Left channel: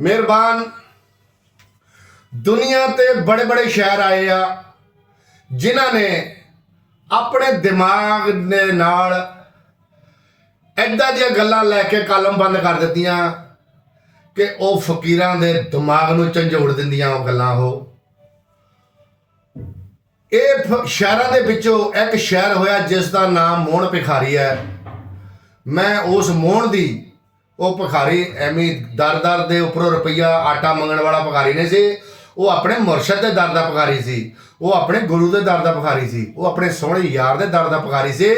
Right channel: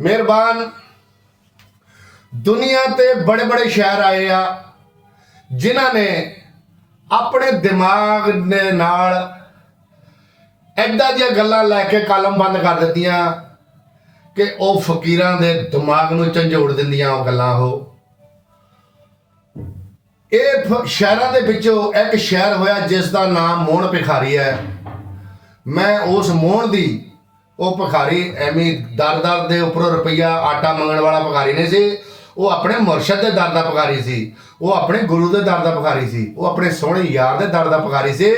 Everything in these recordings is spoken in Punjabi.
ਮਿਹਰਬਾਨ। ਦੁਨੀਆ ਤੇ ਬੜੇ ਬੜੇ ਸ਼ਹਿਰ ਆਏ ਆ, ਜਿਨ੍ਹਾਂ ਨੇ ਆਪਣੇ ਦਿਮਾਗ ਦੇ ਨਾਲ ਐਦਾਂ ਦੀਆਂ ਗੱਲਾਂ ਲੈ ਕੇ ਕਾਲਮ ਬੰਦ ਕਰ ਦਿੱਤੀਆਂ ਕਿ ਉਹ ਫਕੀਰਾਂ ਦੇ ਦਿਮਾਗ ਨੂੰ ਝੰਜੋੜ ਦਿੰਦੀਆਂ ਉਹ ਗੱਲਾਂ ਉਹ। ਇਹ ਫ- ਸ਼ਹਿਰਾਂ ਦੇ ਵਿੱਚੋਂ ਇੱਕ ਸ਼ਹਿਰ ਹੋਇਆ ਜਿਸ ਦਾ ਨਾਮ ਮੋਹਣ ਭਿਖਾਰੀ ਹੈ। ਮੈਂ ਉਸ ਮੋਹਣ ਦੀ ਉਹ ਭਿਖਾਰੀ ਐਵੇਂ ਦਰ-ਦਰ ਦੇ ਉੱਪਰੋਂ ਰੁਪਈਆ ਆਟਾ ਮੰਗਣ ਵਾਲਾ ਭਿਖਾਰੀ ਨਹੀਂ ਸੀ। ਉਹ ਆਪਣੇ ਮੁਰਸ਼ਦ ਦੇ ਦਰ ਦਾ ਭਿਖਾਰੀ ਸੀ। ਉਹ ਆਪਣੇ ਗੁਰੂ ਦੇ ਦਰ ਦਾ ਭਿਖਾਰੀ ਸੀ। ਉਹ ਆਪਣੇ ਸੋਹਣੇ ਯਾਰ ਦੇ ਦਰ ਦਾ ਭਿਖਾਰੀ ਸੀ।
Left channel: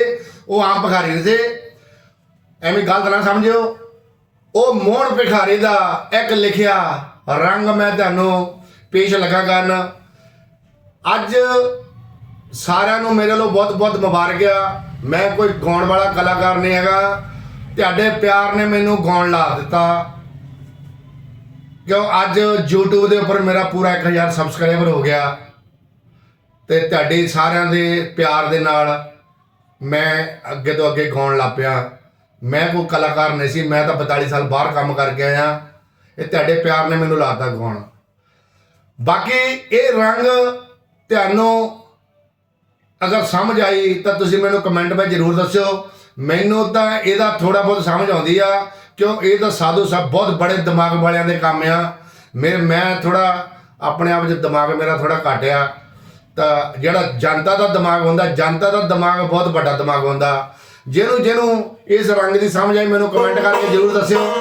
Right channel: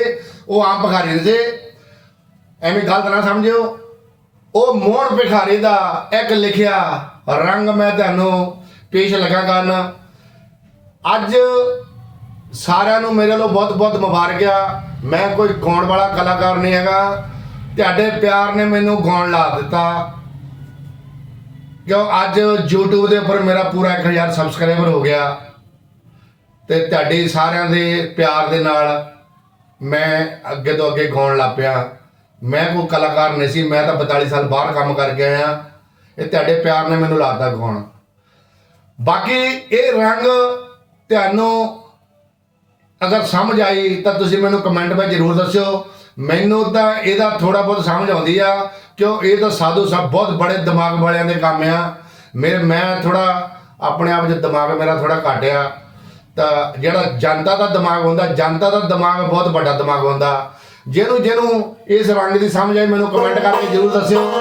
ਉਹ ਆਮ ਭਿਖਾਰੀ ਨਹੀਂ ਸੀ। ਐਵੇਂ ਗਲਤ ਨਾ ਸਮਝਿਓ। ਉਹ ਮੋਹਣ ਭਿਖਾਰੀ ਦਾ ਇੱਕ ਲਿਖਿਆ ਰੰਗ ਮੈਂ ਤੁਹਾਨੂੰ ਪੇਸ਼ ਲਗਾ ਕਰਨ। ਅੱਜ ਸਾਰਿਆਂ ਨੂੰ ਮੇਰੇ ਵੱਲੋਂ ਬਹੁਤ ਬਹੁਤ ਮੁਬਾਰਕ ਆ। ਮੈਂ ਕੋਈ ਗਾਉਣ ਵਾਲਾ ਕਲਾਕਾਰ ਨਹੀਂ ਹੈਗਾ। ਤੁਹਾਡੇ ਪਿਆਰ ਨੇ ਮੈਨੂੰ ਗਾਉਣ ਲਾ ਦਿੱਤਾ। ਕਿਉਂ ਅੱਜ YouTube ਦੇ ਉੱਪਰ ਮੇਰਾ ਪੂਰਾ 1000 ਸਬਸਕ੍ਰਾਈਬਰ ਹੋ ਗਿਆ। ਤੇ ਤੁਹਾਡੇ ਸਾਰਿਆਂ ਦੇ ਪਿਆਰ ਦੇ ਨਾਲ ਮੈਂ ਅੱਗੇ ਤੋਂ ਅੱਗੇ ਗਾਉਣ ਲੱਗ ਪਿਆ। ਮੈਂ ਕੋਈ ਕਲਾਕਾਰ ਨਹੀਂ ਸੀ, ਮੈਂ ਤਾਂ 42 ਸਾਲ ਬਾਹਰ ਕੰਮ ਕਰਕੇ ਆਇਆ। ਇਹ ਤੁਹਾਡੇ ਪਿਆਰ ਨੇ ਮੈਨੂੰ ਲਾਤਾ ਗਾਉਣ। ਬਾਕੀ ਇਹ ਰੰਗ ਤੁਹਾਨੂੰ ਅਗਰ ਸਮਝ ਆਈ ਤਾਂ ਤੁਸੀਂ ਮੈਨੂੰ ਕਮੈਂਟ ਵਿੱਚ ਜ਼ਰੂਰ ਦੱਸਿਓ। ਮੈਨੂੰ ਤਾਂ ਇਹਦਾ ਥੋੜਾ ਬਹੁਤ ਸਮਝ ਆਉਂਦੀ ਆ, ਕਿਉਂ ਇਹ ਤਾਂ ਸਾਧੂ ਸਾਹਿਬ ਬਹੁਤ ਬੜੇ ਦਿਮਾਗ ਵਾਲਿਆਂ ਦੇ ਕੰਮ ਆ। ਮੇਰੇ, ਮੈਂ ਥੋੜਾ ਆਪਣੇ ਆਪ 'ਚ ਦਿਮਾਗ ਮੇਰਾ ਥੋੜਾ ਘੱਟ ਆ। ਤਾਂ ਜਿਹੜਾ ਜਨਤਾ ਦਾ ਦਿਮਾਗ ਹੁੰਦਾ, ਜਨਤਾ ਦਾ ਦਿਮਾਗ ਬਹੁਤ ਵੱਡਾ ਦਿਮਾਗ ਹੁੰਦਾ। ਜਿਹਨੂੰ ਜਿਹਨੂੰ ਇਸ ਰੰਗ ਦੀ ਸਮਝ ਆਈ, ਮੈਨੂੰ ਕਮੈਂਟ ਕਰਕੇ ਜ਼ਰੂਰ ਦੱਸਿਓ।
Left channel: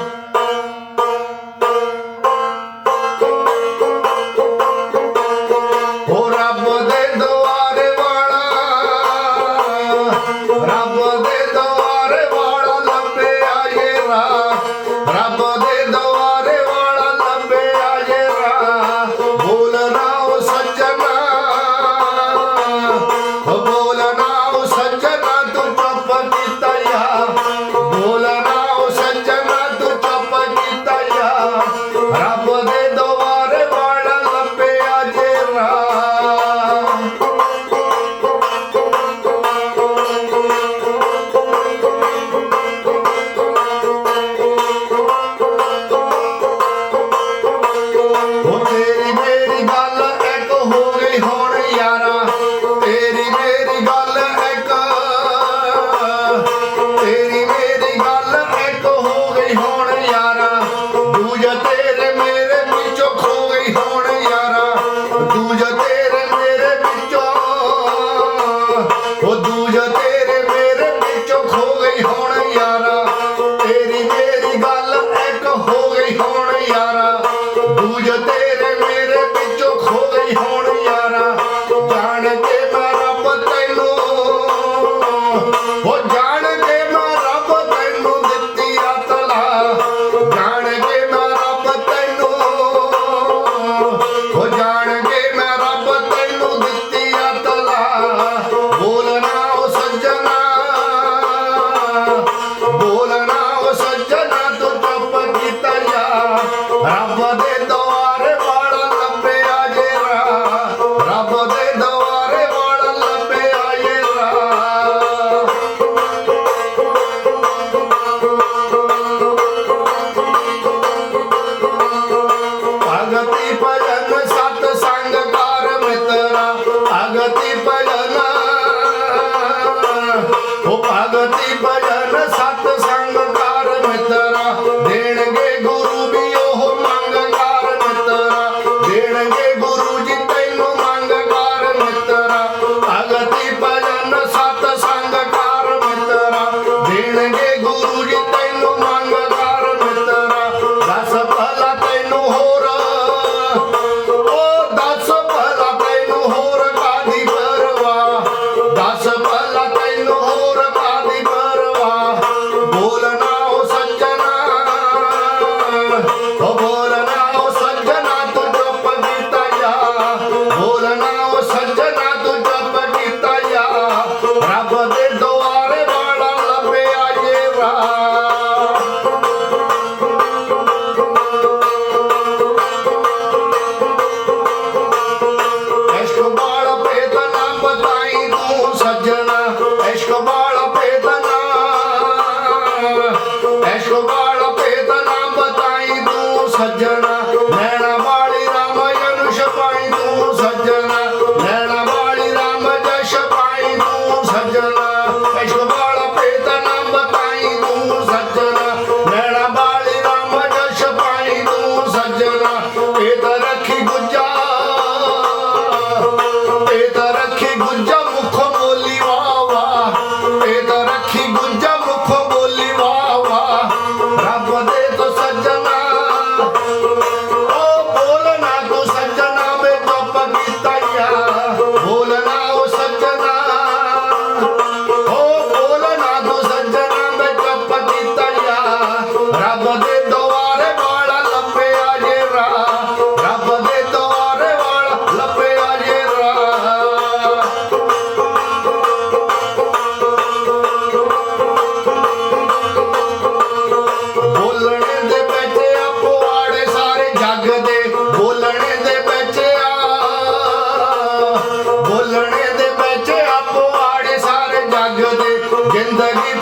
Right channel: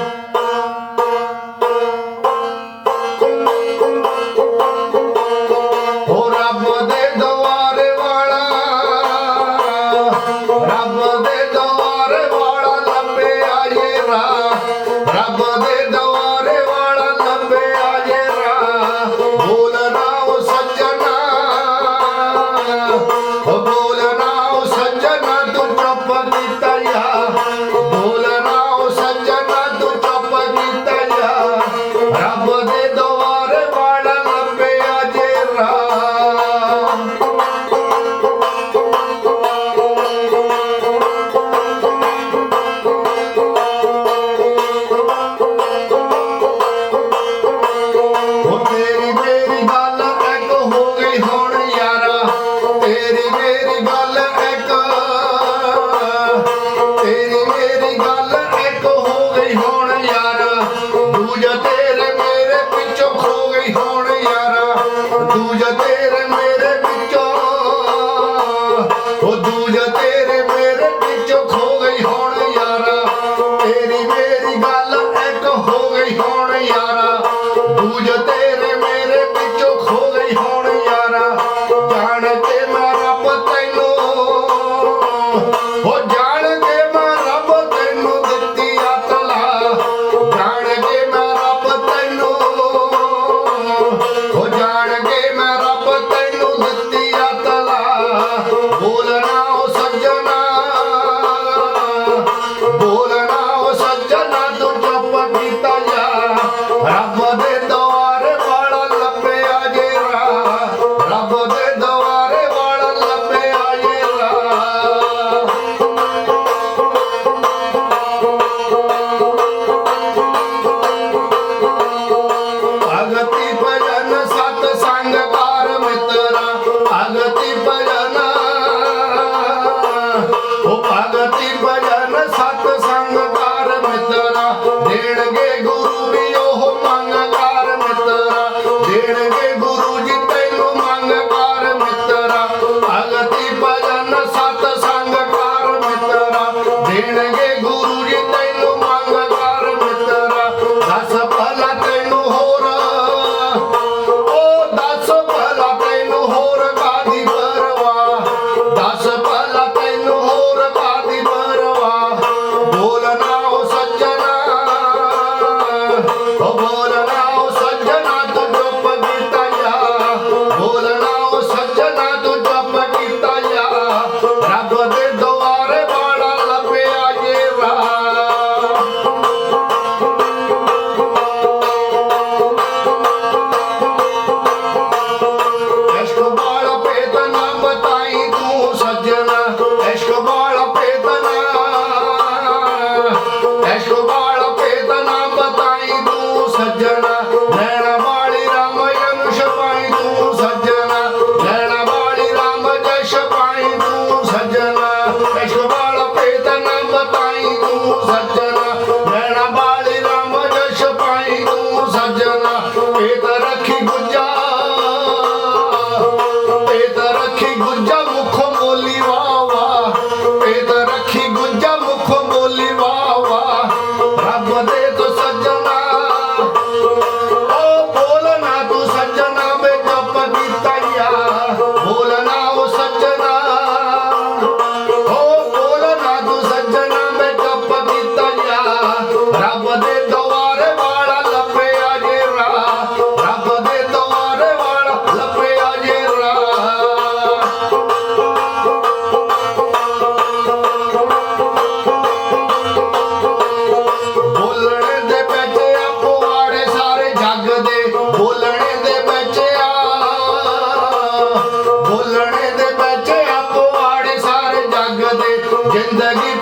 ਹੋ ਗਈ जिंदगी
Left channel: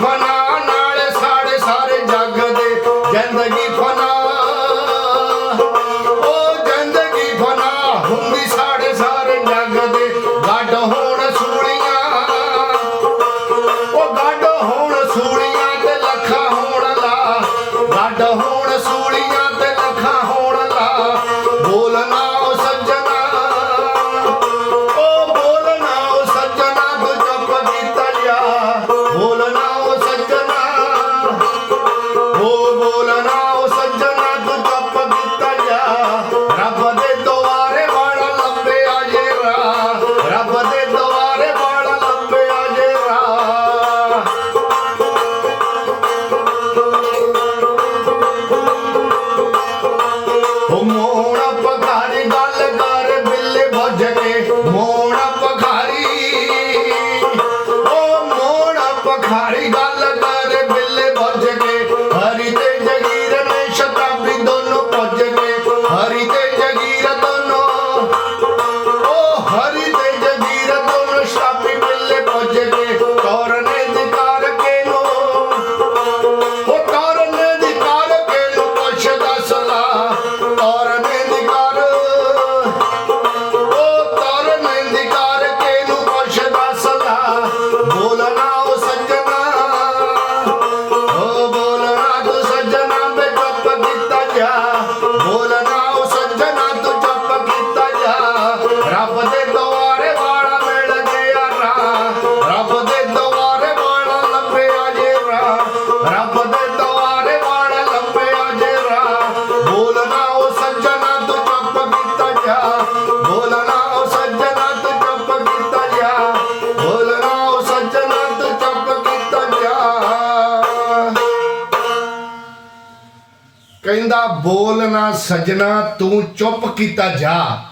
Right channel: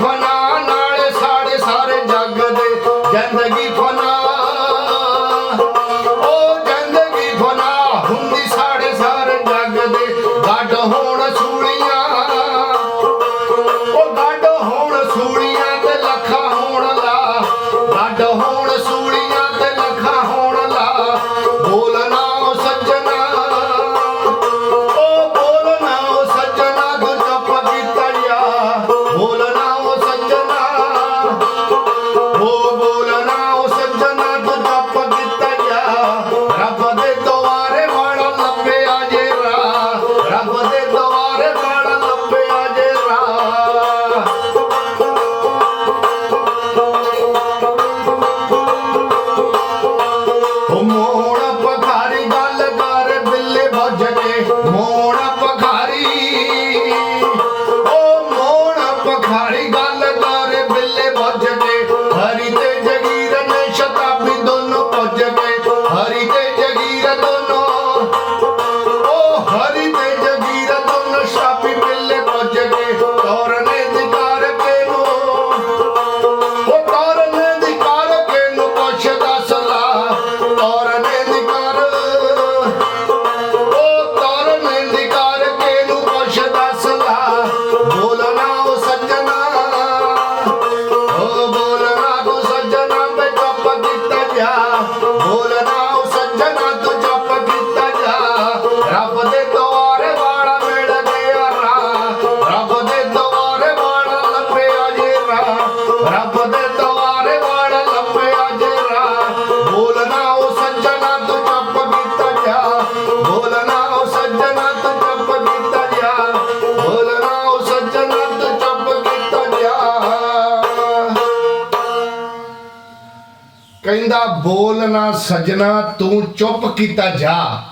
ਕਹਿੰਦਾ, ਬੋਲ ਨਾ ਸਜਣਾ, ਤੂੰ ਚੁੱਪ ਕੀਤਾ ਜਾ।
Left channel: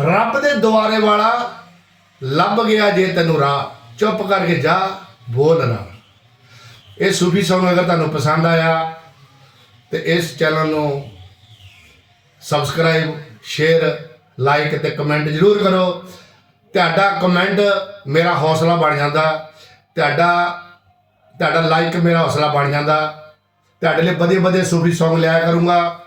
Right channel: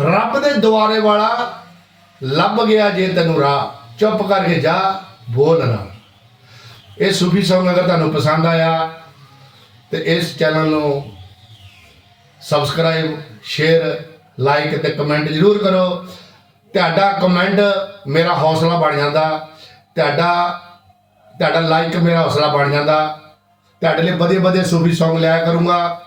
ਰੱਬ ਦੇ ਦੁਆਰੇ ਵਾਲਾ ਲੱਭ ਗਿਆ ਜੇ ਤੈਨੂੰ ਰਾਹ। ਚੁੱਪ ਕਰਕੇ ਜਾ, ਬੋਲ ਨਾ। ਇਹ ਸੂਫੀ ਸੌਂਗ ਅਗਰ ਤੁਹਾਨੂੰ ਪਸੰਦ ਆਇਆ, ਤੇ ਇਸ ਚੈਨਲ ਨੂੰ ਸਬਸਕ੍ਰਾਈਬ ਸ਼ੇਅਰ ਲਾਈਕ ਤੇ ਕਮੈਂਟ ਜ਼ਰੂਰ ਕਰੋ। ਤੁਹਾਡਾ ਕਮੈਂਟ ਮੇਰਾ ਹੌਸਲਾ ਬਣ ਜਾਂਦਾ। ਤੁਹਾਡਾ ਤੁਹਾਡਾ ਲਾਈਕ ਮੇਰਾ ਹੌਸਲਾ ਬਣ ਜਾਂਦਾ। ਤੁਹਾਡੇ ਲਈ ਵਧੀਆ ਵਧੀਆ ਸੂਫੀ Song ਲਿਆ ਕਰੂੰਗਾ।